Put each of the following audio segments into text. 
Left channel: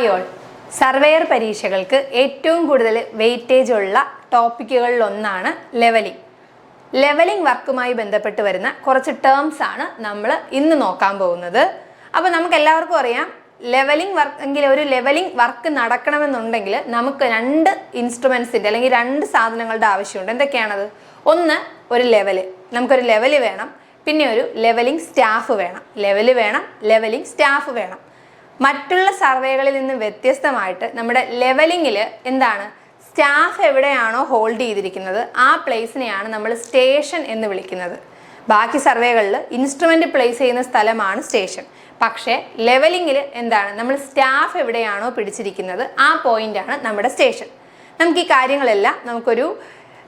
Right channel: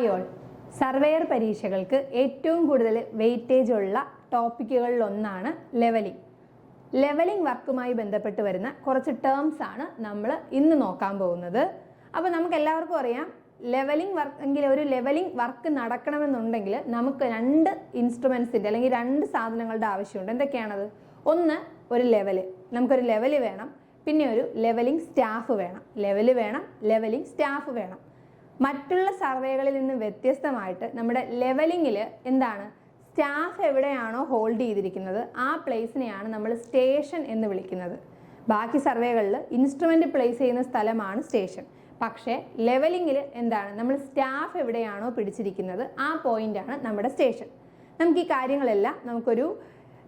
Hi all surveyor പരീക്ഷകൾക്ക് ഏറ്റവും കൂടുതൽ വെയിറ്റേജ് ഉള്ള ടോപ്പിക്കുകളിൽ ഒന്നാണ് ലെവലിംഗ് ലെവലിംഗ് വർക്കുമായി ബന്ധപ്പെട്ട് വരുന്ന കുറച്ച് ടേംസ് ആണ് നമ്മൾ ഇന്ന് നോക്കാൻ പോകുന്നത്. അപ്പോൾ നമുക്ക് എല്ലാവർക്കും അറിയാം ലെവലിംഗ് വർക്ക് എങ്കിൽ ഒരു ലെവലിംഗ് വർക്ക് നടക്കണമെന്നുണ്ടെങ്കിൽ നമുക്ക് രണ്ട് ഇൻസ്ട്രുമെൻസിന്റെ അല്ലെങ്കിൽ രണ്ട് സാധനങ്ങളുടെ ആവശ്യമുണ്ട്. എന്തൊക്കെയാണത്? ഒന്ന് ഒരു ലെവൽ നമുക്കൊരു ലെവൽ വേണം. പിന്നെ ഒരു ലെവലിംഗ് സ്റ്റാഫ് വേണം. ലെവൽ വേണം ലെവലിംഗ് സ്റ്റാഫ് വേണം. മറ്റുള്ള സർവേകളിൽ നിന്ന് വ്യത്യസ്തമായിട്ട് നമ്മുടെ ലെവലിങ്ങിൽ എന്താണ് സ്റ്റാഫ് എവിടെയാണോ ഹോൾഡ് ചെയ്തിരിക്കുന്നത് ആ പ്ലേസിനെയാണ് നമ്മൾ സ്റ്റേഷൻ എന്ന് വിളിക്കുന്നത്. ബാക്കി സർവേകളിൽ ഇൻസ്ട്രുമെന്റ് പ്ലേസ് ചെയ്യുന്ന സ്ഥലമാണ് സ്റ്റേഷൻ. പക്ഷേ ലെവലിങ്ങിൽ എന്താണ് നമ്മൾ സ്റ്റാഫ് എവിടെയാണോ പിടിച്ചിരിക്കുന്നത് ആ പോയിന്റാണ് നമ്മുടെ സ്റ്റേഷൻ. നമുക്ക് ഈ കാര്യങ്ങളെല്ലാം നമുക്കൊരു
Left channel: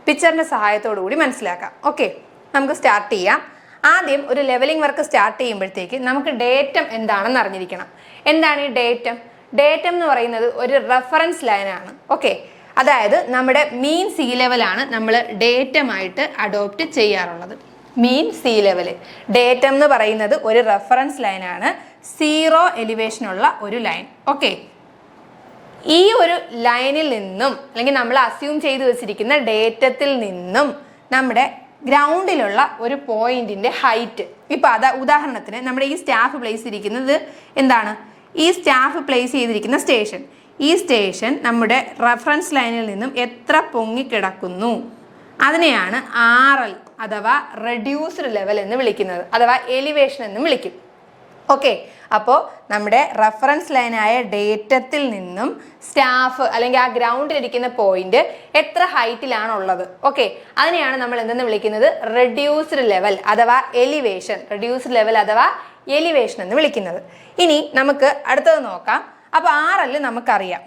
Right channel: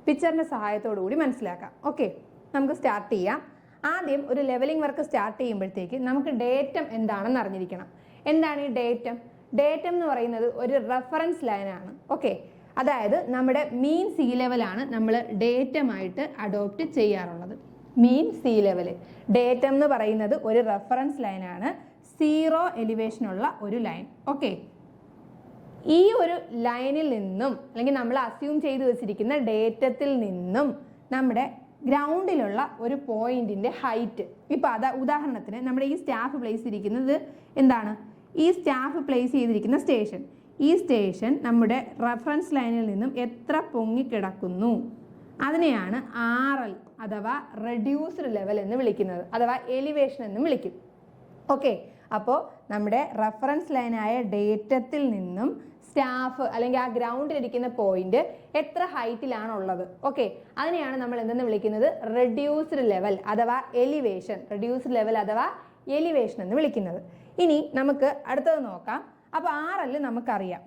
പിക്ചറിന്റെ സഹായത്തോടു കൂടി മനസ്സിലാക്കാം. ഓക്കെ നമുക്ക് സ്റ്റാർട്ട് ചെയ്യാം. ആദ്യം ഒരു ലെവലിംഗ് വർക്ക് സ്റ്റാർട്ട് ചെയ്യുമ്പോഴത്തേക്ക് നമുക്ക് ഡേറ്റം എന്താണെന്ന് അറിഞ്ഞിരിക്കണം. എന്താണ് ഈ ഡേറ്റം ഡേറ്റം എന്ന് പറയുന്നത് ഒരു റെഫറൻസ് ലൈനാണ് ഓക്കെ അതായത് നമ്മുടെ മീൻ സി ലെവലാണ് നമ്മൾ ഡേറ്റമായിട്ട് അഡോപ്റ്റ് ചെയ്യാറുള്ളത്. മീൻ സി ലെവൽ ഡേറ്റം എന്ന് പറയുന്നത് ഒരു റെഫറൻസ് ലൈനാണ് സീറോ എലിവേഷനുള്ള ഒരു ലൈൻ ഓക്കെ ഈ ഒരു ലൈനിൽ നിന്നും അല്ലെങ്കിൽ നമ്മൾ അസ്യൂം ചെയ്തു വെച്ചിരിക്കുന്ന ഡേറ്റത്തിൽ നിന്നും നമ്മുടെ ഗ്രൗണ്ടിലുള്ള ഒരു പോയിന്റിന്റെ ഹൈറ്റ്. ഇപ്പൊ അതാ ഉദാഹരണത്തിന് നമ്മുടെ ഈ സ്റ്റാഫ് പ്ലേസ് ഇരിക്കുന്നത് എന്താണ്? ഈ സ്റ്റാഫ് പ്ലേസ് ചെയ്തിരിക്കുന്ന സ്റ്റേഷൻ. ഈ സ്റ്റേഷൻ നമ്മുടെ റെഫറൻസ് ലൈനിൽ നിന്നും എത്ര പൊങ്ങിക്കിടക്കുന്നു? അതിനെയാണ് ആർ എൽ അഥവാ റെഡ്യൂസ്ഡ് ലെവൽ എന്ന് വിളിക്കുന്നത്. അഥവാ എലിവേഷൻ എന്നും വിളിക്കും. ഓക്കെ അപ്പോൾ നമ്മുടെ റെഫറൻസ് ലൈനായ ഡേറ്റത്തിൽ നിന്നും സ്റ്റാഫ് അല്ലെങ്കിൽ ആ ഗ്രൗണ്ടിലിരിക്കുന്ന പോയിന്റ് എത്ര ഹൈറ്റിലാണുള്ളത് ഓക്കെ അതിനെയാണ് നമ്മൾ എന്തെന്ന് വിളിക്കുന്നത്? റെഡ്യൂസ്ഡ് ലെവൽ അഥവാ എലിവേഷൻ റെഡ്യൂസ്ഡ് ലെവൽ അഥവാ എലിവേഷൻ എന്ന് വിളിക്കുന്നത്. ഇനി നമുക്ക് അടുത്തത് നോക്കാം. അപ്പോൾ ആറൽ നമുക്കറിയാം.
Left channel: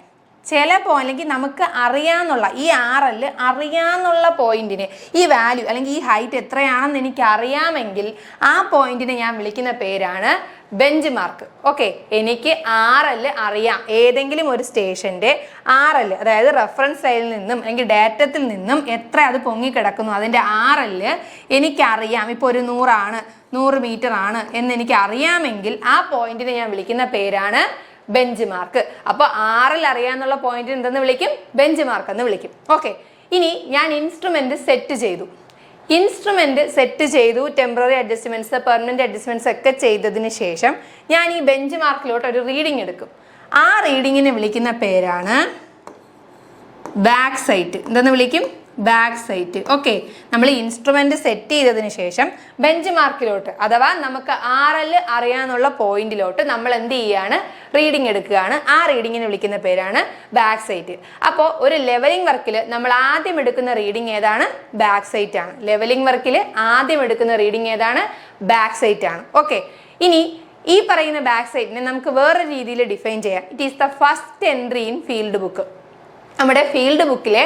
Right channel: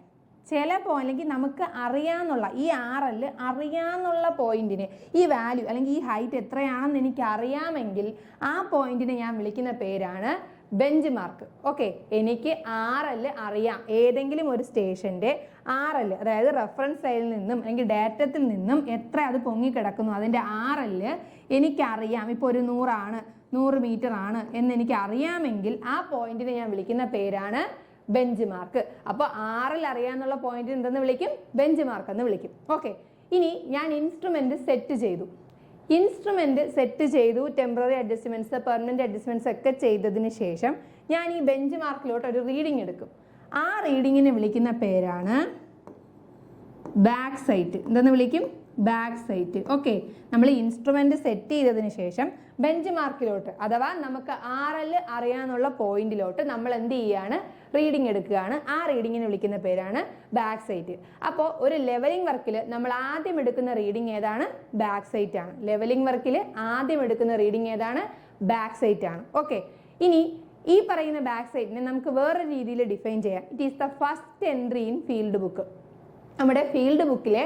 ചില പോയിന്റ് നമുക്ക് അറിയാന്നുള്ള ഈ ആർ എൽ അറിയാന്നുള്ള പോയിന്റിന് ഈ വാല്യൂ അല്ലെങ്കിൽ ഈ ഹൈറ്റ് എത്രയാണെന്ന് എനിക്ക് അറിയാമെങ്കിൽ ആ പോയിന്റിനെ ഞാൻ വിളിക്കുന്ന പേരാണ് ബെഞ്ച് മാർക്ക് ഓക്കെ എനിക്ക് ആർ എൽ അറിയാം. ഏതെങ്കിലും ഒരു സ്റ്റേഷന്റെ ആർ എൽ അതായത് റെഫറൻസ് ലൈനിൽ നിന്നും അല്ലെങ്കിൽ ഡാറ്റത്തിൽ നിന്നും എത്ര അത് പൊങ്ങിക്കിടക്കുന്നു. അതിന്റെ ആർ എൽ എനിക്കറിയാം. ഇപ്പോൾ ഒരു നൂറാണ് നൂറ് മീറ്റർ ആണ് എന്ന് എനിക്ക് അറിയാമെങ്കിൽ ആ പോയിന്റിനെ ഞാൻ വിളിക്കുന്ന പേരാണ് ബെഞ്ച് മാർക്ക് അപ്പോൾ ആറിൽ അറിയാമെന്നുള്ള പോയിന്റിന് എന്തെന്ന് വിളിക്കും? ബെഞ്ച് മാർക്ക് എന്ന് വിളിക്കും. ഓക്കെ ഇനി ഞാൻ ഇൻസ്ട്രുമെന്റ് സെറ്റ് ചെയ്തു. ഇൻസ്ട്രുമെന്റ് സെറ്റ് ചെയ്തു ടെമ്പററി അഡ്ജസ്റ്റ്മെന്റ്സ് പെർമനന്റ് അഡ്ജസ്റ്റ്മെന്റ്സ് ഒക്കെ ചെയ്തതിന് ശേഷം ഞാൻ ഈ ബെഞ്ച് മാർക്കിലോട്ട് ഒരു റീഡിംഗ് എടുക്കും. ആ റീഡിങ്ങിനെ വിളിക്കുന്ന പേരാണ് ബാക്ക് സൈറ്റ്. എന്തെന്ന് വിളിക്കും? Back sight. ഓക്കെ നമ്മൾ ഇൻസ്ട്രുമെന്റ് സെറ്റ് ചെയ്തതിന് ശേഷം ബെഞ്ച് മാർക്കിലോട്ട് അഥവാ നമുക്ക് ആർ എൽ അറിയാനുള്ള പോയിന്റിലോട്ട് നമ്മൾ എന്ത് ചെയ്യാണ്? റീഡിംഗ് എടുക്കുകയാണ്. ആ റീഡിങ്ങിനെ വിളിക്കുന്ന പേരാണ് ബാക്ക് സൈറ്റ് അപ്പോൾ ഒരു ലെവലിംഗ് വർക്കിൽ നമ്മൾ ആദ്യം എടുക്കുന്ന റീഡിംഗ് ഏതാണ്? ബാക്ക് സൈറ്റ് ആണ്. ലെവലിംഗ് വർക്കിൽ ആദ്യം എടുക്കുന്ന റീഡിംഗ് ഏതാണ്? ബാക്ക് സൈറ്റ് ആണ്. ഓക്കെ ഇനി ഈ പറയുന്ന ബാക്ക് സൈറ്റിനെ നമുക്ക് വേറെ രീതിയിൽ ഡിഫൈൻ ചെയ്യാം. It is the first entry in field book നമ്മുടെ ഫീൽഡ് ബുക്കിലെ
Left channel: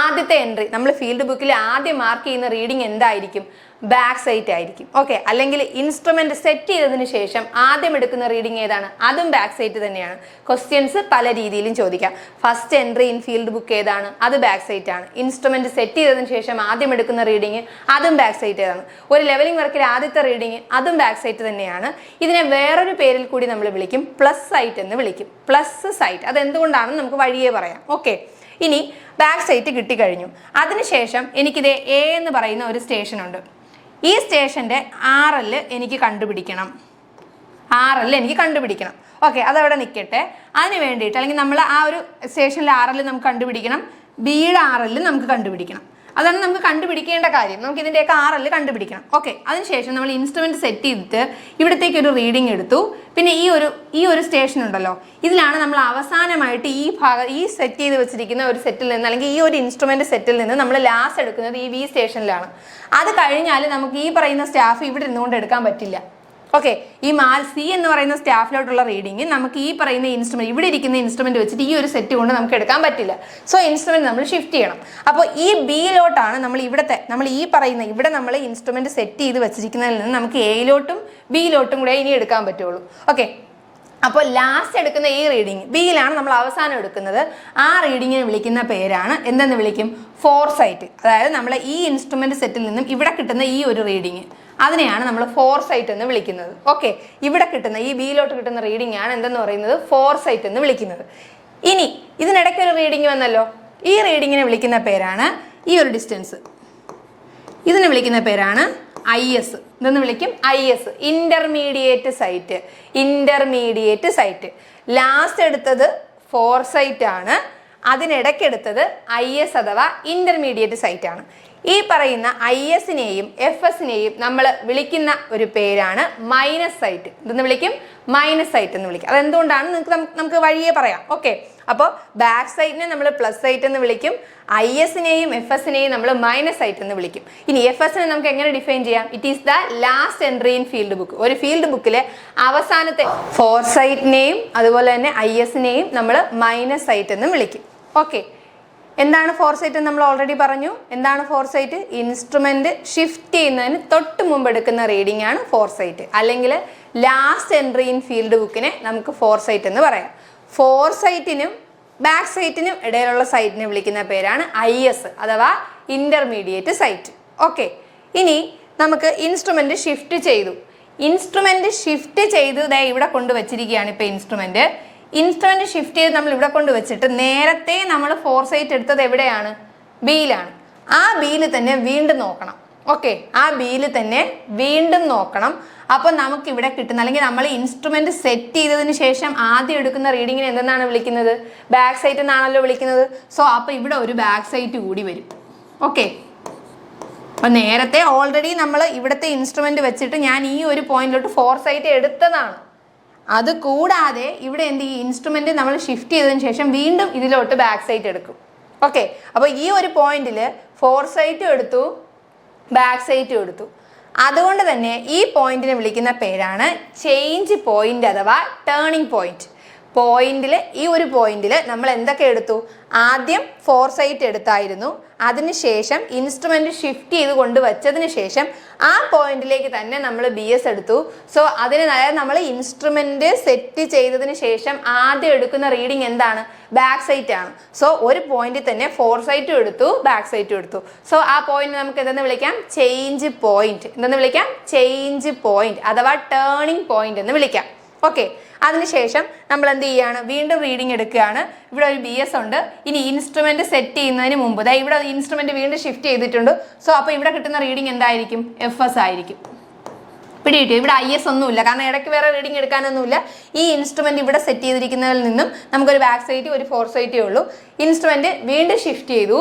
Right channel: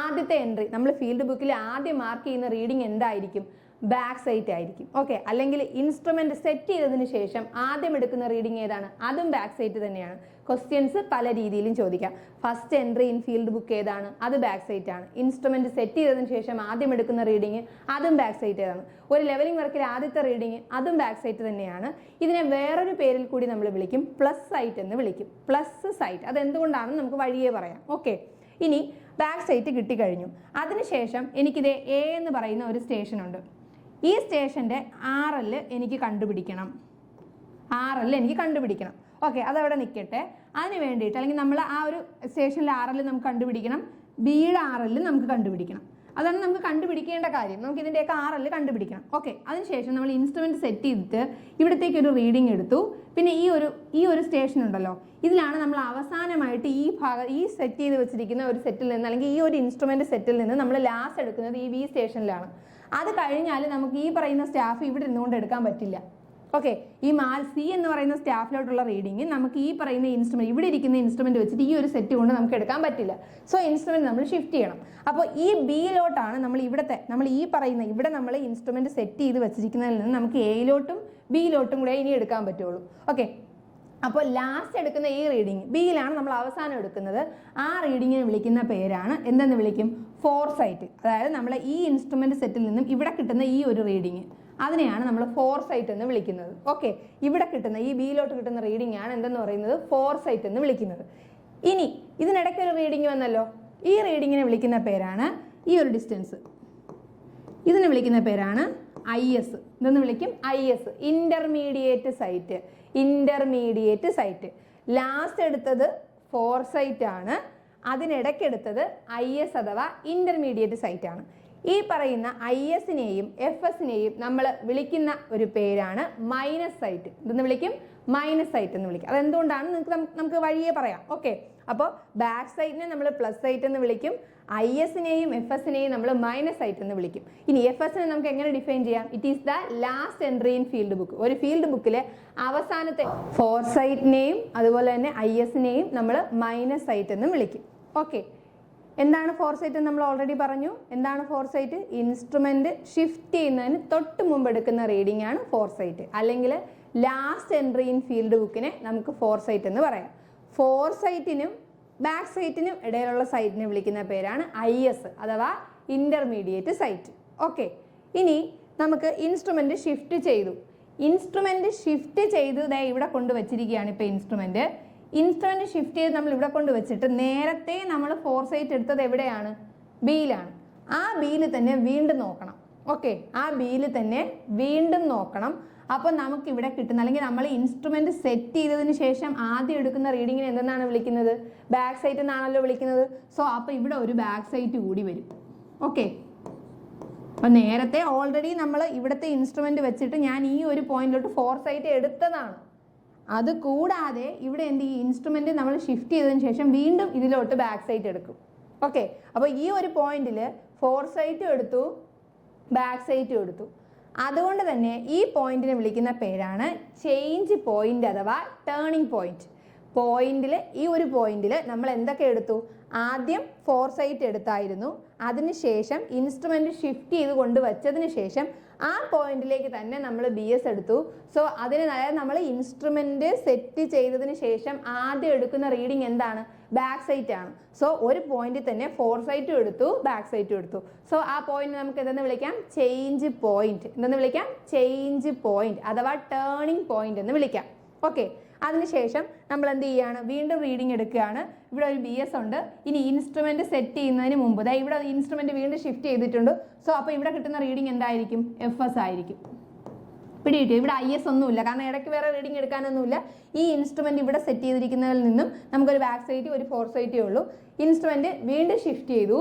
ആദ്യത്തെ എൻട്രി നമ്മൾ ഫീൽഡ് ബുക്കിൽ ആദ്യം മാർക്ക് ചെയ്യുന്ന റീഡിംഗ് എന്തായിരിക്കും? ബാക്ക് സൈറ്റ് ആയിരിക്കും. ഓക്കെ അല്ലെങ്കിൽ ഇൻസ്ട്രുമെന്റ് സെറ്റ് ചെയ്തതിന് ശേഷം ആദ്യം എടുക്കുന്ന റീഡിംഗ് ഏതാണ്? അതും ബാക്ക് സൈറ്റ് തന്നെയാണ്. ക്വസ്റ്റ്യൻസ് പല രീതിയിലും ചോദിക്കാം. First entry in field book ഏതാണ്? അത് ബാക്ക് സൈറ്റ് ആണ്. ഇൻസ്ട്രുമെന്റ് സെറ്റ് ചെയ്തതിന് ശേഷം ആദ്യം എടുക്കുന്ന റീഡിംഗ് അതും ബാക്ക് സൈറ്റ് ഏതാണ്. ഒരു ലെവലിംഗ് വർക്കിൽ ആദ്യത്തെ റീഡിംഗ് അതും ബാക്ക് സൈറ്റ് തന്നെയാണ്. ഇതിനെ വേറൊരു പേരിൽ കൂടി നമ്മൾ വിളിക്കും. പ്ലസ് സൈറ്റ് എന്ന് വിളിക്കും. പ്ലസ് സൈറ്റ് അത് എന്തുകൊണ്ടാണെന്ന് നമുക്ക് വഴിയേ പറയാം. ഓക്കെ ഇനി ബാക്ക് സൈറ്റ് കിട്ടിക്കഴിഞ്ഞു. അതിനുശേഷം എനിക്കിത് എ എന്ന് പറയുന്ന ഒരു സ്റ്റേഷൻ ഉണ്ട്. ഈ സ്റ്റേഷന്റെ ആർ എൽ എനിക്ക് കണ്ടുപിടിക്കണം. ആർ എൽ എനിക്ക് കണ്ടുപിടിക്കണം. ഓക്കെ അതവിടെ നിൽക്കട്ടെ. അതിന് വേണ്ടിയിട്ട് അല്ലെങ്കിൽ നമ്മൾ ആ ഒരു സ്റ്റേഷനിലെ ആർ എൽ നമുക്ക് കണ്ടുപിടിക്കണം. ബിയുടെ ആർ എൽ നമുക്ക് കണ്ടുപിടിക്കണം. അതാണ് നമുക്ക് കണ്ടുപിടിക്കേണ്ട കാര്യം. നമുക്ക് ഇതിന്റെയൊക്കെ എൽ കണ്ടുപിടിക്കണം. ഓക്കെ അതിനുശേഷം നമ്മൾ ഇൻസ്ട്രുമെന്റ് സെറ്റ് ചെയ്തിട്ട് ഇവിടത്തേക്ക് ഒരു റീഡിംഗ് എടുത്തു. പിന്നെ ഈ ഒരു ഈ ഒരു സ്റ്റേഷൻ ഉണ്ടല്ലോ. ഇതിലാണ് നമ്മൾ അവസാനമായിട്ട് ഈ ഭാഗം ഈ സെറ്റ് ചെയ്ത് വെച്ചിരിക്കുന്ന ഒരു സെറ്റിൽ നിന്ന് അല്ലെങ്കിൽ ഈ ഒരു ഇൻസ്ട്രുമെന്റ് സെറ്റിൽ നിന്ന് നമ്മൾ ലാസ്റ്റ് എടുക്കുന്നത് ഈ വി സ്റ്റേഷനിലാണ് അത് കഴിഞ്ഞാൽ നമുക്ക് ഈ പറയുന്ന സ്റ്റാഫ് ഇവിടെ ഇരുന്നുകൊണ്ട് എടുക്കാൻ പറ്റില്ല. ഓക്കെ ഈ മാൽ സി എന്ന് പറയുന്ന സ്റ്റാഫിലോട്ടുള്ള റീഡിങ് നമുക്ക് ഈ പറയുന്ന ഇൻസ്ട്രുമെന്റ് ഇവിടെ ഇരിക്കുന്ന ഇൻസ്ട്രുമെന്റ് വെച്ചിട്ട് ഈ ഒരു സെറ്റ് കൊണ്ട് നമുക്ക് എടുക്കാൻ പറ്റില്ല. സോ ഇൻസ്ട്രുമെന്റ് നമ്മൾ ഷിഫ്റ്റ് ചെയ്യണം. അപ്പോൾ ഈ ബിയിലോട്ടാണ് നമ്മൾ ഇവിടുത്തെ നമ്മൾ ഈ പറയുന്ന ഇവിടെ നമ്മൾ ഇൻസ്ട്രുമെന്റ് സെറ്റ് ചെയ്ത് വെച്ചിരിക്കുന്നതിൽ നിന്ന് നമുക്ക് എയിലോട്ടും ബിയിലോട്ടും കൂടെ ഇനി എടുക്കാൻ പറ്റുള്ളൂ. ഓക്കെ അപ്പോൾ ലാസ്റ്റ് എടുക്കുന്ന ഈ റീഡിങ് ബിയിലാണ് നമ്മൾ അവസാനം എടുക്കുന്നത്. ആ റീഡിങ്ങിനെ വിളിക്കുന്ന പേരാണ് എന്തെന്ന് വിളിക്കും? ഫോർ സൈറ്റ് അതായത് നമ്മൾ ഈ ഇൻസ്ട്രുമെന്റ് സെറ്റിൽ നിന്നും ഇവിടെ കിട്ടുന്ന ഈ ഒരു റീഡിങ് അതിനെയാണ് നമ്മൾ ഫോർ സൈറ്റ് എന്ന് വിളിക്കുന്നത്. ഓക്കെ ഇവിടെ കിട്ടുന്ന ഈ ബിയിലോട്ട് കിട്ടുന്ന റീഡിംഗ് ആണ് എന്തെന്ന് പറയുന്നത്? ഫോർ സൈറ്റ് എന്ന് വിളിക്കുന്നത്. ഇനി ഇതിനിടയ്ക്ക് ഒരു റീഡിംഗ് വന്നല്ലോ. ഈ റീഡിങ്ങിനെ വിളിക്കുന്ന പേരാണ് ഈ ഒരു ഡിസ്റ്റൻസ് ഇതിനെ വിളിക്കുന്ന പേരാണ് ഐ എസ് ഇതെന്ന് വിളിക്കും? I S intermediate sight intermediate sight last എടുത്തത് ഫോർ സൈറ്റ് ആണ് അതിനിടയ്ക്കെടുത്തത് ഐ എസ് അഥവാ ഇന്റർമീഡിയറ്റ് സൈറ്റ് ആണ്. ഈ പറയുന്ന ഐ എസിനെയും എഫ് എസിനെയും നമ്മൾ വിളിക്കുന്ന ഒരു പേരാണ് മൈനസ് സൈറ്റ് ഇതെന്ന് വിളിക്കും? മൈനസ് സൈറ്റ് എന്ന് വിളിക്കും. അതെന്തുകൊണ്ടാണ്? നിങ്ങൾക്ക് നമുക്ക് വഴിയെ പറയാം. ഓക്കെ. അപ്പോൾ ബാക്ക് സൈറ്റിനെ നമ്മൾ പ്ലസ് സൈറ്റ് എന്ന് വിളിക്കും. ഐ എസിനെയും എഫ് എസിനെയും നമ്മൾ മൈനസ് സൈറ്റ് എന്ന് വിളിക്കും. ഇനി എഫ് എസിനെ നമുക്ക് എങ്ങനെ ഡിഫൈൻ ചെയ്യാം? It is the last entry in field book ഒരു ഫീൽഡ് ബുക്കിലെ അവസാനത്തെ ഫോർ സൈറ്റിനെയും അതുപോലെ തന്നെ ഐ എസിനെയും നമ്മൾ മൈനസ് സൈറ്റ് എന്ന് വിളിക്കും. ഓക്കെ. എന്താണ് ഫോർസൈറ്റ് നമ്മൾ ഓൾറെഡി പറഞ്ഞു. എന്താണ് ഫോർസൈറ്റ് ഇൻസ്ട്രുമെന്റ് ഷിഫ്റ്റ് ചെയ്യുന്നതിന് തൊട്ട് മുമ്പ് എടുക്കുന്ന റീഡിംഗ് ആണ് ഫോർസൈറ്റ് അല്ലെങ്കിൽ ലാസ്റ്റ് എൻട്രി ഇൻ ഫീൽഡ് ബുക്കിനെ നമുക്ക് ഫോർസൈറ്റ് എന്ന് പറയാം. ഫോർസൈറ്റിനും ബാക്ക് സൈറ്റിനും ഇടയിലുള്ള സൈറ്റിനെ വിളിക്കുന്ന പേരാണ് ഐ എസ് അഥവാ ഇന്റർമീഡിയറ്റ് സൈറ്റ് ഓക്കെ ഇനി നമുക്ക് ഇൻസ്ട്രുമെന്റ് ഷിഫ്റ്റ് ചെയ്തു. ഇൻസ്ട്രുമെന്റ് ഷിഫ്റ്റ് ചെയ്ത് ദേ ഇവിടെ കൊണ്ടുവച്ചിരിക്കുകയാണ് ഇപ്പോൾ ഇൻസ്ട്രുമെന്റ് ഇൻസ്ട്രുമെന്റ് ഷിഫ്റ്റ് ചെയ്ത് നമ്മൾ ഇവിടെ കൊണ്ട് വെച്ചിട്ട് നേരത്തെ നമ്മൾ ഫോർ സൈറ്റ് എടുത്തത് എവിടെയാണ്? ബിയിലാണ് ആ ബിയിൽ തന്നെ വീണ്ടും നോക്കണം. ഓക്കെ ആ ബിയിൽ തന്നെ വീണ്ടും നോക്കണം. അപ്പോൾ നമുക്ക് ഇവിടെ കിട്ടുന്ന അല്ലെങ്കിൽ നമ്മൾ ഇൻസ്ട്രുമെന്റ് സെറ്റ് ചെയ്തതിന് ശേഷം ആദ്യം എടുക്കുന്ന റീഡിങ്ങിനെ എന്തെന്നാണ് വിളിക്കുന്നത്? ബാക്ക് സൈറ്റ് എന്നാണല്ലോ വിളിക്കുന്നത്. സോ അപ്പോൾ ഇവിടെ ഒരു ബാക്ക് സൈറ്റ് കൂടി വരും. ഓക്കെ അപ്പോൾ നേരത്തെ ഓൾറെഡി നമ്മൾ ഇവിടുത്തെ ഇൻസ്ട്രുമെന്റ് വെച്ചിട്ട് ഞാൻ ഈ ഒരു പോയിന്റിലോട്ട് ഫോർ സൈറ്റ് എടുത്തതാണ്. അത് കൂടാതെ ഇവിടെ എന്ത് ഈ ഇൻസ്ട്രുമെന്റ് നമ്മൾ ഷിഫ്റ്റ് ചെയ്തതിന് ശേഷം വീണ്ടും ഇതിലോട്ട് ബാക്ക് സൈറ്റ് എടുക്കും. ഓക്കെ അപ്പോൾ ഈ ഒരു പോയിന്റിൽ ഫോർ സൈറ്റും എടുത്തു ബാക്ക് സൈറ്റും എടുത്തു. അതുകൊണ്ട് തന്നെ ഈ പോയിന്റിനെ വിളിക്കുന്ന പേരാണ് ചേഞ്ച് പോയിന്റ് അഥവാ ടേണിംഗ് പോയിന്റ് പോയിന്റിൽ ഈ ഒരു പോയിന്റിൽ നമ്മൾ എന്തൊക്കെ എടുത്തു? ആദ്യം ഫോർ സൈറ്റ് എടുത്തായിരുന്നു അതിനുശേഷം ഇൻസ്ട്രുമെന്റ് ഷിഫ്റ്റ് ചെയ്ത് കൊണ്ടുവച്ചതിന് ശേഷം ആ പോയിന്റിലേക്ക് തന്നെ നമ്മൾ ബി എസ് എടുത്തു. സോ അതിന് നമ്മൾ ഇൻസ്ട്രുമെന്റ് സെറ്റ് ചെയ്തതിന് ശേഷം ആദ്യം എടുക്കുന്ന റീഡിംഗ് എന്താണ്? ബാക്ക് സൈറ്റ് ആണ്. സോ ഒരു പോയിന്റിൽ തന്നെ ഫോർ സൈറ്റും എടുത്തു ബാക്ക് സൈറ്റും എടുത്തു. സോ ആ പോയിന്റ് നമുക്ക് എന്തെന്ന് വിളിക്കാം? ചേഞ്ച് പോയിന്റ് എന്തെന്ന് വിളിക്കാം? ചേഞ്ച് പോയിന്റ് അഥവാ ടേണിംഗ് പോയിന്റ് എന്ന് വിളിക്കാം. ഓക്കെ അതിനുശേഷം നമ്മൾ എന്ത് ചെയ്യാണ്? വീണ്ടും റീഡിംഗ് എടുക്കുകയാണ്. ഇവിടെ ഒരു ബി എസ് ഉണ്ട്. ഇനി ഇൻസ്ട്രുമെന്റ് സെറ്റ് ചെയ്യുന്നതിന് മുമ്പ് ദാ ഇവിടെ ഇൻസ്ട്രുമെന്റ് വീണ്ടും ഷിഫ്റ്റ് ചെയ്തിട്ടുണ്ട്. സോ അപ്പോൾ ഇവിടെ കിട്ടുന്ന റീഡിംഗ് എന്തായിരിക്കും? എഫ് എസ് ആയിരിക്കും. പിടി കിട്ടിയോ ഇവിടെ ഐ എസ് ഒന്നുമില്ല. കാരണം ഇടയ്ക്ക് വേറെ റീഡിംഗ് എടുക്കാനൊന്നുമില്ല. ഈ ഇൻസ്ട്രുമെന്റ് ഇവിടെ സെറ്റ് ചെയ്തിരിക്കുന്നതിൽ നിന്നും നമുക്കൊരു ബാക്ക് സൈറ്റ് ഒരു ഫോർ സൈറ്റേ ഉള്ളൂ. ഇൻസ്ട്രുമെന്റ് വീണ്ടും ഷിഫ്റ്റ് ചെയ്തു.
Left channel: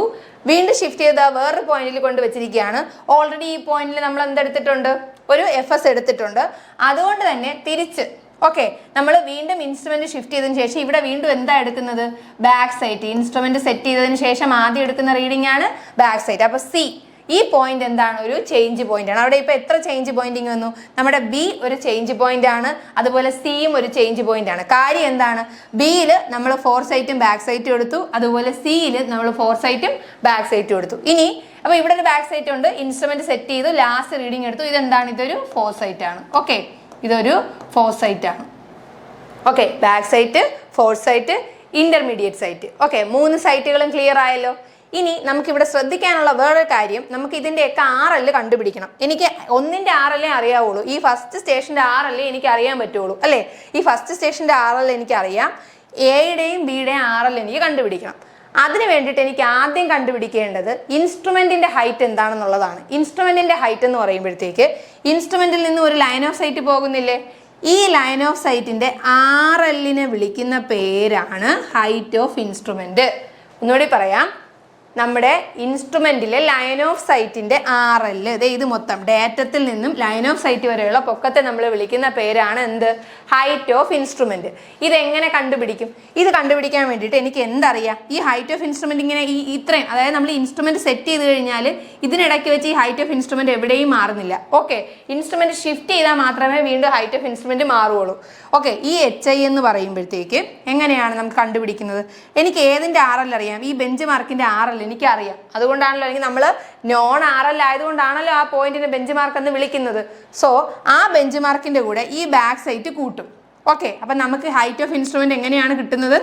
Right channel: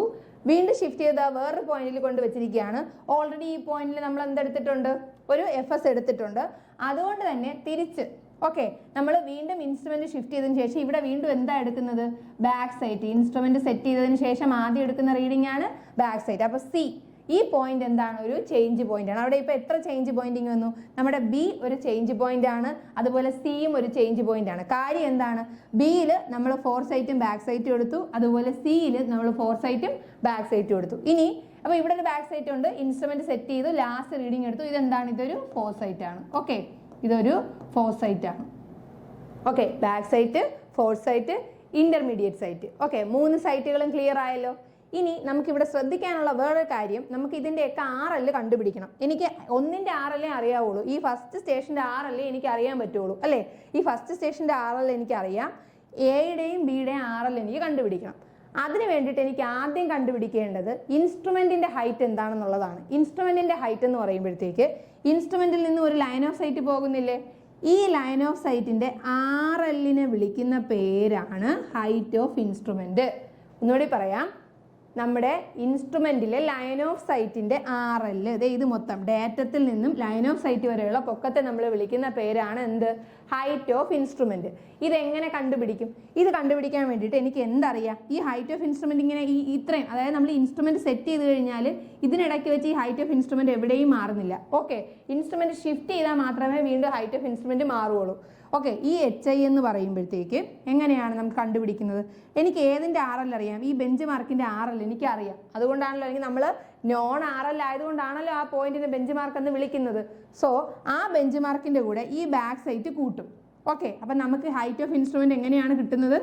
വീണ്ടും ഷിഫ്റ്റ് ചെയ്ത വേറൊരു പോയിന്റിൽ കൊണ്ട് വെച്ചിരിക്കുകയാണ്. ഓൾറെഡി ഈ പോയിന്റിൽ നമ്മൾ എന്തെടുത്തിട്ടുണ്ട്? ഒരു എഫ് എസ് എടുത്തിട്ടുണ്ട്. അതുകൊണ്ട് തന്നെ തിരിച്ച് ഓക്കെ നമ്മൾ വീണ്ടും ഇൻസ്ട്രുമെന്റ് ഷിഫ്റ്റ് ചെയ്തതിന് ശേഷം ഇവിടെ വീണ്ടും എന്താ എടുക്കുന്നത്? ബാക്ക് സൈറ്റ് ഇൻസ്ട്രുമെന്റ് സെറ്റ് ചെയ്തതിന് ശേഷം ആദ്യം എടുക്കുന്ന റീഡിംഗ് ആണ് ബാക്ക് സൈറ്റ് അപ്പോൾ സി ഈ പോയിന്റ് എന്താണ്? ഒരു ചേഞ്ച് പോയിന്റ് ആണ്. അവിടെ ഇപ്പോൾ എത്ര ചേഞ്ച് പോയിന്റിങ് വന്നു? നമ്മുടെ ബി ഒരു ചേഞ്ച് പോയിന്റ് ആണ്. അതുപോലെ സിയും ഒരു ചേഞ്ച് പോയിന്റ് ആണ്. കാര്യം എന്താണ്? ബിയിൽ നമ്മൾ ഫോർ സൈറ്റും ബാക്ക് സൈറ്റും എടുത്തു. അതുപോലെ സിയിൽ നമ്മൾ ഫോർ സൈറ്റും ബാക്ക് സൈറ്റും എടുത്തു. ഇനി അപ്പോൾ ഇവിടെ ഒരു ബാക്ക് സൈറ്റ് ഉണ്ട്. ഇൻസ്ട്രുമെന്റ് സെറ്റ് ചെയ്തു. ലാസ്റ്റ് റീഡിംഗ് എടുത്തു. ഇതെന്താണ്? ഇതൊരു ഫോർ സൈറ്റ് ആണ്. ഓക്കെ ഇതൊരു ഫോർ സൈറ്റ് ആണ്. Okay back sight fore sight intermediate sight okay മൂന്ന് സൈറ്റുകളും ക്ലിയർ ആയല്ലോ. ഇനി നമുക്കിവിടെ ശ്രദ്ധിക്കാനുള്ള വേറൊരു കാര്യം നമുക്ക് ഇതിന്റെയൊക്കെ ആറൽ കണ്ടുപിടിക്കണം. എനിക്ക് ഒന്നിന്റെ ആറല്ലേ അറിയാവുള്ളൂ. ഈ ഫസ്റ്റ് സ്റ്റേഷന്റെ ആറല്ലേ എനിക്ക് അറിയാൻ പറ്റുള്ളൂ അല്ലേ? ഈ ഫസ്റ്റ് സ്റ്റേഷന്റെ ആറൽ എനിക്കറിയാം. എയുടെയും ബിയുടെയും ആറൽ എനിക്ക് കണ്ടുപിടിക്കണം. അതിന് വേണ്ടിയിട്ട് എനിക്ക് ആദ്യം കണ്ടുപിടിക്കേണ്ടത് ഇൻസ്ട്രുമെന്റിന്റെ ഹൈറ്റ് എന്താണെന്നുള്ളതാണ്. ഇൻസ്ട്രുമെന്റിന്റെ ഹൈറ്റ് എന്ന് പറയുമ്പോഴത്തേക്ക് ഇൻസ്ട്രുമെന്റിൽ നിന്ന് ഒരു ലൈൻ ഓഫ് സൈറ്റ് പോകുന്നില്ലേ? ഈ ലൈൻ ഓഫ് സൈറ്റിന്റെ ആർ എല്ലിനെ വിളിക്കുന്ന പേരാണ് ഹൈറ്റ് ഓഫ് ഇൻസ്ട്രുമെന്റ്. ഒന്നുകൂടി പറയാം. നമ്മുടെ ഇൻസ്ട്രുമെന്റിലെ ലൈൻ ഓഫ് സൈറ്റിന്റെ ആർ എൽ ഇത് മൊത്തം ഡാറ്റത്തിൽ നിന്നും ലൈൻ ഓഫ് സൈറ്റ് വരെയുള്ള പൊക്കത്തെ നമ്മൾ വിളിക്കുന്ന പേരാണ് എന്ത്? ഹൈറ്റ് ഓഫ് ഇൻസ്ട്രുമെന്റ് ഇതെങ്ങനെ കണ്ടുപിടിക്കും? ഇത് കണ്ടുപിടിക്കാൻ വേണ്ടിയിട്ട് എനിക്ക് എന്തറിയാം? ഈ ഹൈറ്റ് ഓഫ് ഇൻസ്ട്രുമെന്റ് ഇങ്ങനെ ഈ ഇത്രയും അതായത് നമ്മൾ ഇൻസ്ട്രുമെന്റ് സെറ്റ് ചെയ്ത് കഴിഞ്ഞാൽ ഇതിനിടയ്ക്ക് വെച്ച് ഈ ഹൈറ്റ് ഓഫ് ഇൻസ്ട്രുമെന്റ് എവിടെയും മാറുന്നില്ല. ഓക്കെ ഇൻസ്ട്രുമെന്റ് ഷിഫ്റ്റ് ചെയ്താൽ മാത്രമേ വീണ്ടും ഹൈറ്റ് ഓഫ് ഇൻസ്ട്രുമെന്റ് മാറുകയുള്ളൂ. ഓക്കെ ഈ എച്ച് ഐ എന്ന് പറയുമ്പോഴത്തേക്ക് എങ്ങനെയാണ് നമുക്ക് കണ്ടുപിടിക്കുന്നത്? എനിക്ക് ഏതിന്റെ ആർ എൽ അറിയാം? ഈ ബെഞ്ച് മാർക്കിന്റെ ആർ എൽ എനിക്കറിയാം. അതുകൊണ്ടാണല്ലോ അല്ലെങ്കിൽ നമ്മൾ നോൺ ആർ എൽ ആയതുകൊണ്ടാണല്ലോ ആ പോയിന്റിനെ ബെഞ്ച് മാർക്ക് എന്ന് വിളിക്കുന്നത്. സോ ആ ബെഞ്ച് മാർക്കിന്റെ കൂടെ ഈ ബാക്ക് സൈറ്റ് കൂട്ടും. ഓക്കെ അപ്പം നമുക്ക് ഹൈറ്റ് ഓഫ് ഇൻസ്ട്രുമെന്റ് എങ്ങനെയാണ് കിട്ടുന്നത്?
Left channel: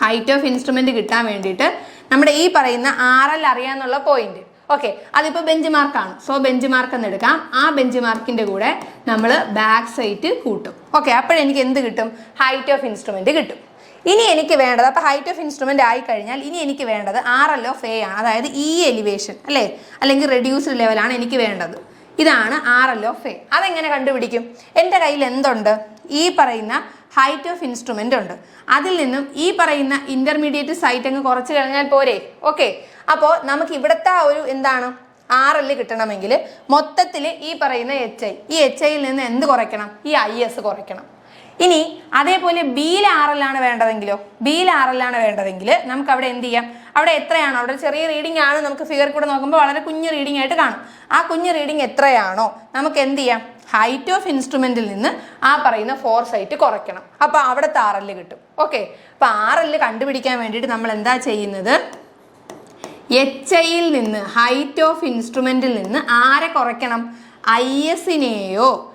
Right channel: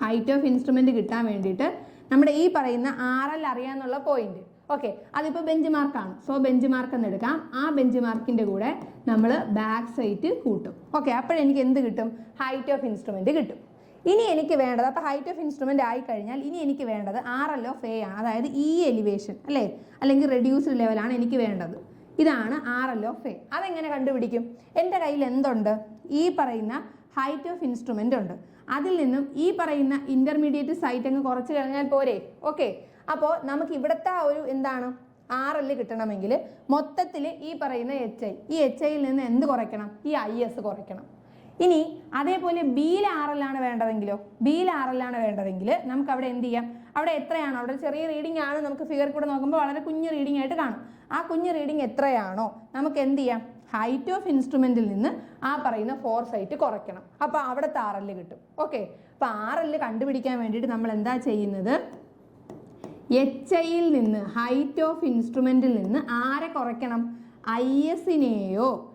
ഹൈറ്റ് ഓഫ് ഇൻസ്ട്രുമെന്റ് കിട്ടാൻ വേണ്ടിയിട്ട് നമ്മുടെ ഈ പറയുന്ന ആർ എൽ അറിയാന്നുള്ള പോയിന്റ് ഓക്കെ അതിപ്പോൾ ബെഞ്ച് മാർക്കാണ് സോ ബെഞ്ച് മാർക്ക് എന്ന് എടുക്കാം. ആ ബെഞ്ച് മാർക്കിന്റെ കൂടെ നമ്മൾ ബാക്ക് സൈറ്റ് കൂട്ടും. ഓക്കെ അപ്പോഴെനിക്ക് എന്ത് കിട്ടും? ഹൈറ്റ് ഓഫ് ഇൻസ്ട്രുമെന്റ് കിട്ടും. ഇനി എനിക്ക് വേണ്ടത് അപ്പോൾ ഹൈറ്റ് ഓഫ് ഇൻസ്ട്രുമെന്റ് ആയി കഴിഞ്ഞാൽ ഇനി എനിക്ക് വേണ്ടത് ആർ എൽ ഓഫ് എ ആണ്. അതായത് ഇ എലിവേഷൻ അല്ലേ? അല്ലെങ്കിൽ റെഡ്യൂസ്ഡ് ലെവലാണ് എനിക്ക് വേണ്ടത്. ഇതാണ് ആർ എൽ ഓഫ് എ അതെങ്ങനെ കണ്ടുപിടിക്കും? എന്റെ കയ്യിൽ എന്തുണ്ട്? ഈ പറയുന്ന ഹൈറ്റ് ഓഫ് ഇൻസ്ട്രുമെന്റ് ഉണ്ട്. അതിൽ നിന്നും ഈ പറയുന്ന ഇന്റർമീഡിയറ്റ് സൈറ്റ് അങ്ങ് കുറച്ച് കഴിഞ്ഞാൽ പോരെ. ഓക്കെ അപ്പോൾ നമുക്ക് ഇവിടുത്തെ ഒരു എന്താണ്? ആർ എൽ കിട്ടണമെങ്കിൽ മൊത്തത്തിൽ ഈ പറയുന്ന എച്ച് ഐ ഈ എച്ച് ഐയിൽ നിന്ന് എന്ത് കുറയ്ക്കണം? ഈ ഐ എസ് കുറയ്ക്കണം. ഇനി അതേപോലെ ബിയിൽ ആണ് വേണ്ടതെങ്കിലോ? ബിയിൽ ആണ് വേണ്ടതെങ്കിൽ നമുക്ക് അവിടെ എന്ത് ചെയ്യാം? അവിടെ എത്രയാണോ? അവിടെ ചെറിയ റീഡിംഗ് ആണ് നമുക്ക് ഫിഗർ കൂടെ നോക്കുമ്പോൾ വളരെ കുഞ്ഞു റീഡിംഗ് ആയിട്ട് കാണും. ആ കുഞ്ഞു റീഡിംഗ് എത്രയാണോ? നമുക്ക് എന്ത് ചെയ്യാം? ഹൈറ്റ് ഓഫ് ഇൻസ്ട്രുമെന്റിൽ നിന്ന് ആ പറയുന്ന ഫോർ സൈറ്റ് കുറയ്ക്കണം. അപ്പോൾ അവിടുത്തെ ആർ എൽ കിട്ടും. ഓക്കെ അപ്പോൾ ആർ എൽ കണ്ടുപിടിക്കാൻ വേണ്ടിയിട്ട് നമ്മൾ എന്താ ചെയ്യുന്നത്? എച്ച് ഐയിൽ നിന്ന് ഹൈറ്റ് ഓഫ് ഇൻസ്ട്രുമെന്റിൽ നിന്ന് ആരെ കുറയ്ക്കണം? ഐ എസിനെയോ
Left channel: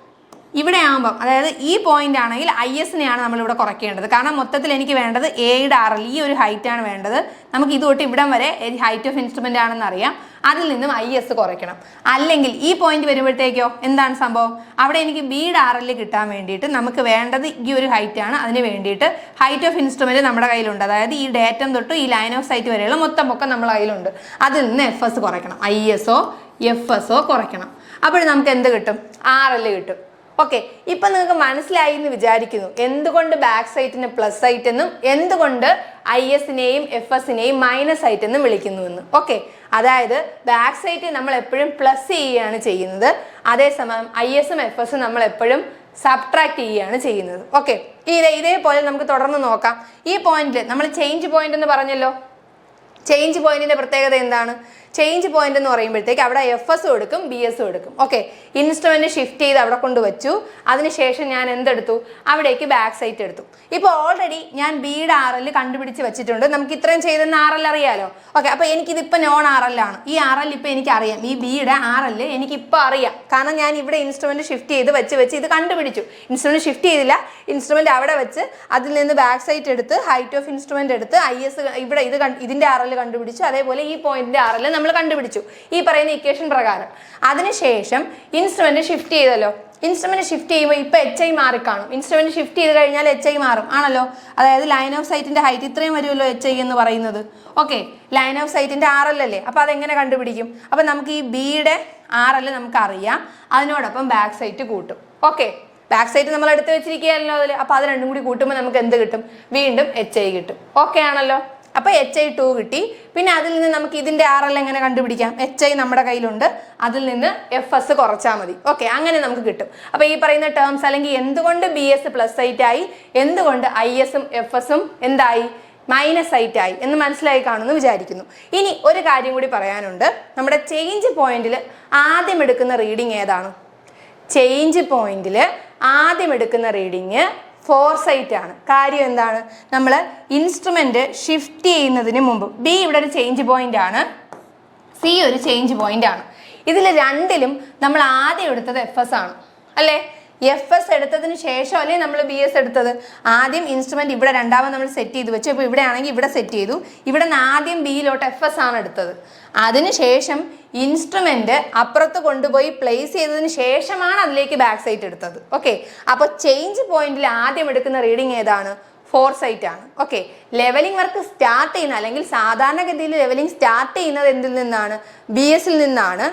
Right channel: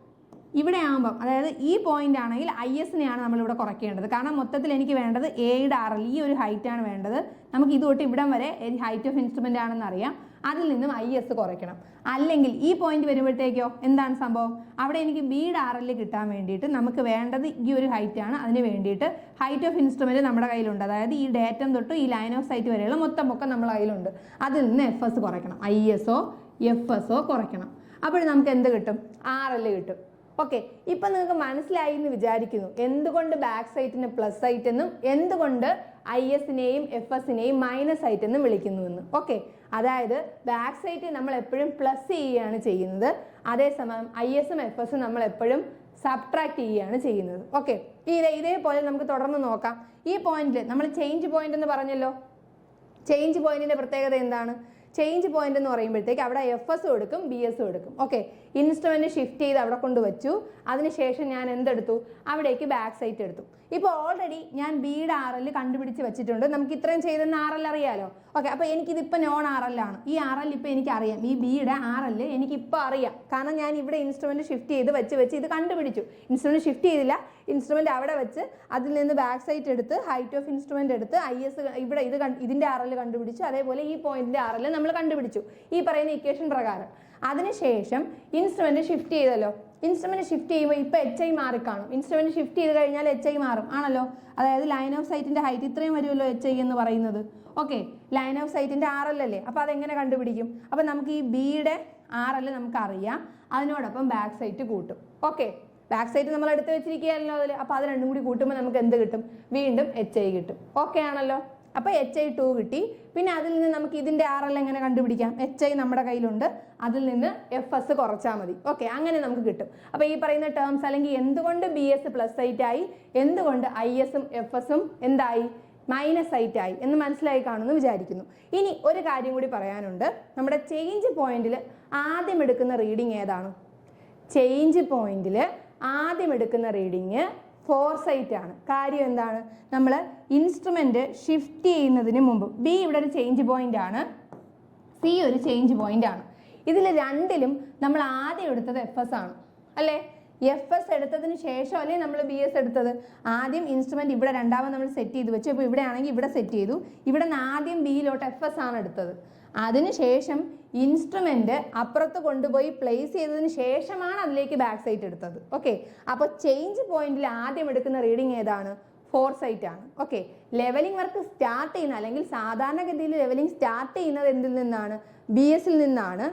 ഇവിടെ ആകുമ്പം അതായത് ഈ പോയിന്റ് ആണെങ്കിൽ ഐ എസിനെയാണ് നമ്മളിവിടെ കുറയ്ക്കേണ്ടത്. കാരണം മൊത്തത്തിൽ എനിക്ക് വേണ്ടത് എയുടെ എൽ ഈ ഒരു ഹൈറ്റ് ആണ് വേണ്ടത്. നമുക്ക് ഇത് തൊട്ട് ഇവിടം വരെ ഹൈറ്റ് ഓഫ് ഇൻസ്ട്രുമെന്റ് ആണെന്ന് അറിയാം. അതിൽ നിന്നും ഐ എസ് കുറയ്ക്കണം. അല്ലെങ്കിൽ ഈ പോയിന്റ് വരുമ്പോഴത്തേക്കോ എന്താണ് സംഭവം? അവിടെ എനിക്ക് ബിയുടെ ആർ എൽ കിട്ടാൻ വേണ്ടിയിട്ട് നമുക്ക് വേണ്ടത് ഈ ഒരു ഹൈറ്റ് ആണ്. അതിന് വേണ്ടിയിട്ട് ഹൈറ്റ് ഓഫ് ഇൻസ്ട്രുമെന്റ് നമ്മുടെ കയ്യിലുണ്ട്. അതായത് ഈ ഡേറ്റം തൊട്ട് ഈ ലൈൻ ഓഫ് സൈറ്റ് വരെയുള്ള മൊത്തം പൊക്കം നമ്മുടെ കയ്യിലുണ്ട്. അതിൽ നിന്ന് എഫ് എസ് കുറയ്ക്കണം. I S or F S or കുറയ്ക്കണം. അപ്പോൾ നമുക്ക് എന്ത് കിട്ടും? ആർ എൽ കിട്ടും. ഓക്കെ ഇപ്പൊ നിങ്ങൾക്ക് മനസ്സിലായി എന്ന് വിചാരിക്കുന്നു. എന്തുകൊണ്ട് ബാക്ക് സൈറ്റിന് പ്ലസ് സൈറ്റ് എന്നും എന്തുകൊണ്ട് ഐ എസിനെയും എഫ് എസിനെയും മൈനസ് സൈറ്റ് എന്നും വിളിക്കുന്നു എന്ന്. ഓക്കെ അതായത് ബാക്ക് സൈറ്റ് നമ്മൾ എപ്പോഴും പ്ലസ് ചെയ്യുകയാണ് ചെയ്യുന്നത്. അതേസമയം ഐ എസും എഫ് എസും നമ്മൾ എപ്പോഴും സബ്ട്രാക്ട് ചെയ്യുകയാണ് ചെയ്യുന്നത്. ഓക്കെ ഇതേ ഇതേപോലെ നമുക്ക് തുടർന്ന് നോക്കാം. ഈ പോയിന്റിൽ നമ്മൾ ചേഞ്ച് പോയിന്റ് എന്ന് പറഞ്ഞല്ലോ? ചേഞ്ച് പോയിന്റിന്റെ പ്രത്യേകത എന്താണ്? ചേഞ്ച് പോയിന്റ് എന്ന് പറയുമ്പോഴത്തേക്ക് അവിടെ എഫ് എസ് കൊടുക്കും ബി എസ് കൊടുക്കും. ഓക്കെ ഇൻസ്ട്രുമെന്റ് ഷിഫ്റ്റ് ചെയ്ത് അവിടെ കൊണ്ട് വെച്ചു അതിനുശേഷം ഞാൻ എന്തെടുത്തു? അവിടേക്ക് ബാക്ക് സൈറ്റ് എടുത്തു. ഇപ്പൊ ഓൾറെഡി ഞാൻ ബിയുടെ ആർ എൽ കണ്ടുപിടിച്ച് വെച്ചിട്ടുണ്ട്. നമുക്ക് ഇത്രയും ചെയ്തെന്ന് ആർ എൽ അറിയാലോ? ഓക്കെ അപ്പോൾ എനിക്കിതിപ്പോൾ നോൺ ആർ എൽ ആണ്. ഈ ആർ എൽ ഇപ്പോൾ എനിക്കറിയാം. ഈ ബിയുടെ ആർ എൽ എനിക്കിപ്പോൾ അറിയാം. കാരണം ഞാൻ ഇവിടെ ഇൻസ്ട്രുമെന്റ് ഷിഫ്റ്റ് ചെയ്ത് വെച്ച് വെച്ച് ഇത് കണ്ടുപിടിച്ചു. ഇൻസ്ട്രുമെന്റ് ഷിഫ്റ്റ് ചെയ്തില്ല. ഇൻസ്ട്രുമെന്റ് അവിടെ വെച്ച് അതിൽ നിന്ന് ബാക്ക് സൈറ്റ് എടുത്ത് ഹൈറ്റ് ഓഫ് ഇൻസ്ട്രുമെന്റ് എടുത്ത് ഐ എസ് ഇവിടെ ഇത് ഇതിന്റെ എൽ കണ്ടുപിടിച്ചു. അതേപോലെ ഈ ആർ എൽ നമ്മൾ കണ്ടുപിടിച്ചു. ഈ പറയുന്ന ഇക്വേഷൻ പ്രകാരം. അതിനുശേഷം ഇൻസ്ട്രുമെന്റ് ഷിഫ്റ്റ് ചെയ്തല്ലോ. ഇൻസ്ട്രുമെന്റ് ഷിഫ്റ്റ് ചെയ്യുമ്പോൾ ഇപ്പോൾ എച്ച് ഐ മാറി കാണും. ഇൻസ്ട്രുമെന്റ് ഷിഫ്റ്റ് ചെയ്ത് കഴിഞ്ഞാൽ എച്ച് ഐ മാറും. ആണല്ലോ? അതായത് ലൈൻ ഓഫ് സൈറ്റിന്റെ ഹൈറ്റ് ഇത്രയും വരുമല്ലോ എച്ച് ഐ എന്ന് പറയുന്നത്. ഓക്കെ ലൈൻ ഓഫ് സൈറ്റിന്റെ ആർ എൽ അല്ലേ? അപ്പോൾ അതെങ്ങനെ കണ്ടുപിടിക്കും? അപ്പോൾ നമുക്ക് ഈ ബിയുടെ ആർ എൽ നമുക്കറിയാം. അതിനോടൊപ്പം ബാക്ക് സൈറ്റ് കൂട്ടും. ഓക്കെ ബാക്ക് സൈറ്റ് നമ്മൾ എടുത്ത് വെച്ചിരിക്കുകയല്ലോ അതിൽ അപ്പോൾ അത് രണ്ടും കൂടി കൂട്ടുമ്പോൾ നമുക്ക് എന്ത് കിട്ടും? വീണ്ടും എച്ച് ഐ കിട്ടും. ഓക്കെ ആണല്ലോ? അപ്പോൾ എച്ച് ഐ ടു കിട്ടി. പിന്നെ അതിൽ നിന്ന് നമുക്ക് ഇതിന്റെ ആർ എൽ എങ്ങനെ കണ്ടുപിടിക്കാം? എച്ച് ഐ നമ്മുടെ കയ്യിലുണ്ട്. അതിൽ നിന്ന് എഫ് എസ് കുറച്ചാൽ മതി. ഓക്കെ അങ്ങനെ നമുക്ക് കിട്ടും. അപ്പോൾ ഈ പറയുന്ന ടേംസ് അല്ലെങ്കിൽ എന്തുകൊണ്ട് ബി എസ് പ്ലസ് ആയി? എന്തുകൊണ്ട് ഐ എസും എഫ് എസും എന്തായി? മൈനസ് ആയിട്ടായി ആയി എന്ന് മനസ്സിലായി കാണുമെന്ന് വിചാരിക്കുന്നു. ഇനി ഒരു കാര്യം കൂടി പറയാനുണ്ട്. നമ്മുടെ ചേഞ്ച് പോയിന്റിൽ ആദ്യം എടുക്കുന്ന റീഡിംഗ് ഏതാണ്? ചേഞ്ച് പോയിന്റിൽ ആദ്യം എടുക്കുന്ന റീഡിങ് ഫോർ സൈറ്റ് ആണ്. കാര്യം എന്താണ്? നമ്മൾ ഇൻസ്ട്രുമെന്റ് ഷിഫ്റ്റ് ചെയ്യുന്നതിന് മുമ്പ് ബി ഇവിടെ ഒരു ചേഞ്ച് പോയിന്റ് ആണ്. സി ഒരു ചേഞ്ച് പോയിന്റ് ആണ്. ഇതിൽ രണ്ടിലും നമ്മൾ ആദ്യം എടുത്തത് എഫ് എസ് ആണ്. അല്ലേ? എഫ് എസ് എടുത്തതിന് ശേഷം അല്ലേ നമ്മൾ ബി എസ് എടുത്തത്? ആദ്യം ഇൻസ്ട്രുമെന്റ് ഇവിടെ രണ്ടാമത് നമ്മൾ സെറ്റ് ചെയ്ത് വെച്ചു. ഇപ്പോൾ ഇവിടെ ആണെങ്കിൽ ഇവിടെ സെറ്റ് ചെയ്തു. ഇവിടെ നിന്ന് ആദ്യം ബിയിലോട്ട് എഫ് എസ് ആണ് എടുത്തത്. അതിനുശേഷം ഇൻസ്ട്രുമെന്റ് അപ്പുറത്ത് കൊണ്ടുപോയി പ്ലേസ് ചെയ്തതിന് ശേഷമാണ് അതിലേക്ക് ബാക്ക് സൈറ്റ് എടുത്തത്. ഓക്കെ അപ്പോൾ ചേഞ്ച് പോയിന്റിൽ ആദ്യം എടുക്കുന്ന റീഡിംഗ് ഏതാണ്? ഫോർ സൈറ്റ് ആണ്. ഓക്കെ ലെവലിംഗ് വർക്ക് സ്റ്റാർട്ട് ചെയ്യുന്ന അല്ലെങ്കിൽ സാധാരണഗതിയിൽ ലെവലിംഗ് സ്റ്റാർട്ട് ചെയ്യുന്നത് എന്തിൽ നിന്നാണ്? ബി എസിൽ നിന്നാണ്.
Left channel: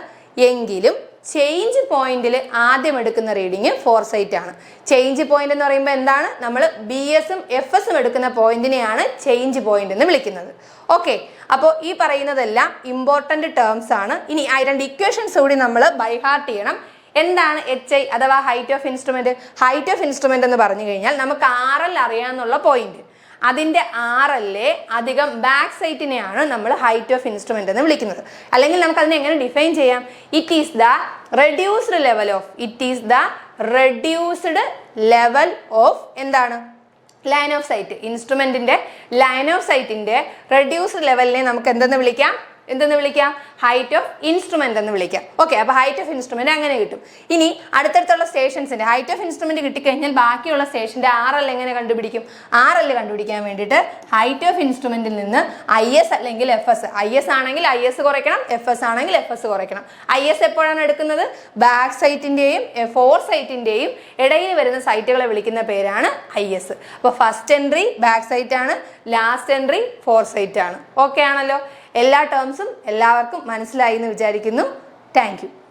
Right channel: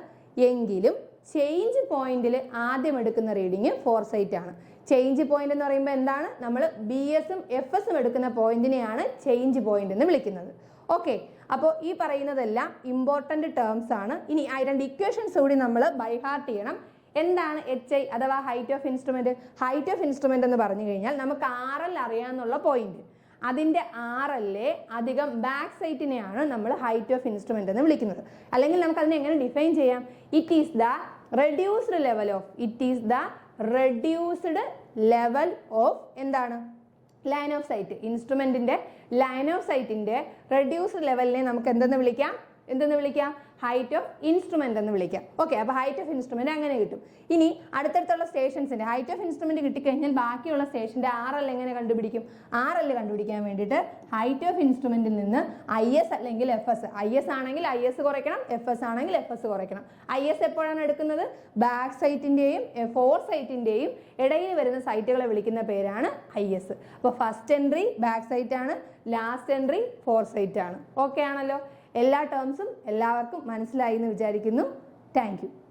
എങ്കിലും ചേഞ്ച് പോയിന്റിൽ ആദ്യം എടുക്കുന്ന റീഡിങ് ഫോർ സൈറ്റ് ആണ്. ചേഞ്ച് പോയിന്റ് എന്ന് പറയുമ്പോൾ എന്താണ്? നമ്മൾ ബി എസും എഫ് എസും എടുക്കുന്ന പോയിന്റിനെയാണ് ചേഞ്ച് പോയിന്റ് എന്ന് വിളിക്കുന്നത്. ഓക്കെ അപ്പോൾ ഈ പറയുന്നതെല്ലാം ഇമ്പോർട്ടന്റ് ടേംസ് ആണ്. ഇനി ആ രണ്ട് ഇക്വേഷൻസ് കൂടി നമ്മൾ ബൈ ഹാർട്ട് ചെയ്യണം. എന്താണ് എച്ച് ഐ അഥവാ height of instrument height of instrument എന്ന് പറഞ്ഞു കഴിഞ്ഞാൽ നമുക്ക് ആർ എൽ അറിയാന്നുള്ള പോയിന്റ് അതിന്റെ ആർ എല്ലേ അധികം ബാക്ക് സൈറ്റിനെയാണ് നമ്മൾ ഹൈറ്റ് ഓഫ് ഇൻസ്ട്രുമെന്റ് എന്ന് വിളിക്കുന്നത്. അല്ലെങ്കിൽ നമുക്ക് അതിനെ എങ്ങനെ ഡിഫൈൻ ചെയ്യാം? It is the reduced level of it is the reduced level of എന്താണ്? ലൈൻ ഓഫ് സൈറ്റ് ഇൻസ്ട്രുമെന്റിന്റെ ലൈൻ ഓഫ് സൈറ്റിന്റെ റെഡ്യൂസ്ഡ് ലെവലിനെ നമുക്ക് എന്തെന്ന് വിളിക്കാം? എന്തെന്ന് വിളിക്കാം? ഹൈറ്റ് ഓഫ് ഇൻസ്ട്രുമെന്റ് എന്ന് വിളിക്കാം. ഓക്കെ അപ്പോൾ ഹൈറ്റ് ഓഫ് ഇൻസ്ട്രുമെന്റ് അങ്ങനെ കിട്ടും. ഇനി അടുത്തടുത്തുള്ള സ്റ്റേഷൻസിന്റെ ഹൈറ്റ് ഓഫ് ഇൻസ്ട്രുമെന്റ് കിട്ടിക്കഴിഞ്ഞാൽ ബാക്കിയുള്ള സ്റ്റേഷന്റെ ആർ എൽ എങ്ങനെ കണ്ടുപിടിക്കും? ആർ എൽ കണ്ടുപിടിക്കാൻ വേണ്ടിയിട്ട് ഹൈറ്റ് ഓഫ് ഇൻസ്ട്രുമെന്റിൽ നിന്ന് ഐ എസ് അല്ലെങ്കിൽ എഫ് എസ് ഐ എസ് ആണെങ്കിൽ ഐ എസ് കുറയ്ക്കണം എഫ് എസ് ആണെങ്കിൽ എഫ് എസ് കുറയ്ക്കണം. ഐ എസ് എപ്പോഴാണ് എടുക്കുന്നത്? ബാക്ക് സൈറ്റിന്റെയും ഫോർ സൈറ്റിന്റെയും ഇടയിൽ വരുന്ന സൈറ്റുകളെ വിളിക്കുന്ന പേരാണ് ഐ എസ് അപ്പോൾ ഫസ്റ്റ് എൻട്രി ബാക്ക് സൈറ്റ് ആണ് ലാസ്റ്റ് എൻട്രി ഫോർ സൈറ്റ് ആണ്. ഓക്കെ ആണല്ലോ? എല്ലാ ടേംസും എല്ലാവർക്കും മനസ്സിലായി എന്ന് വിചാരിക്കുന്നു. താങ്ക്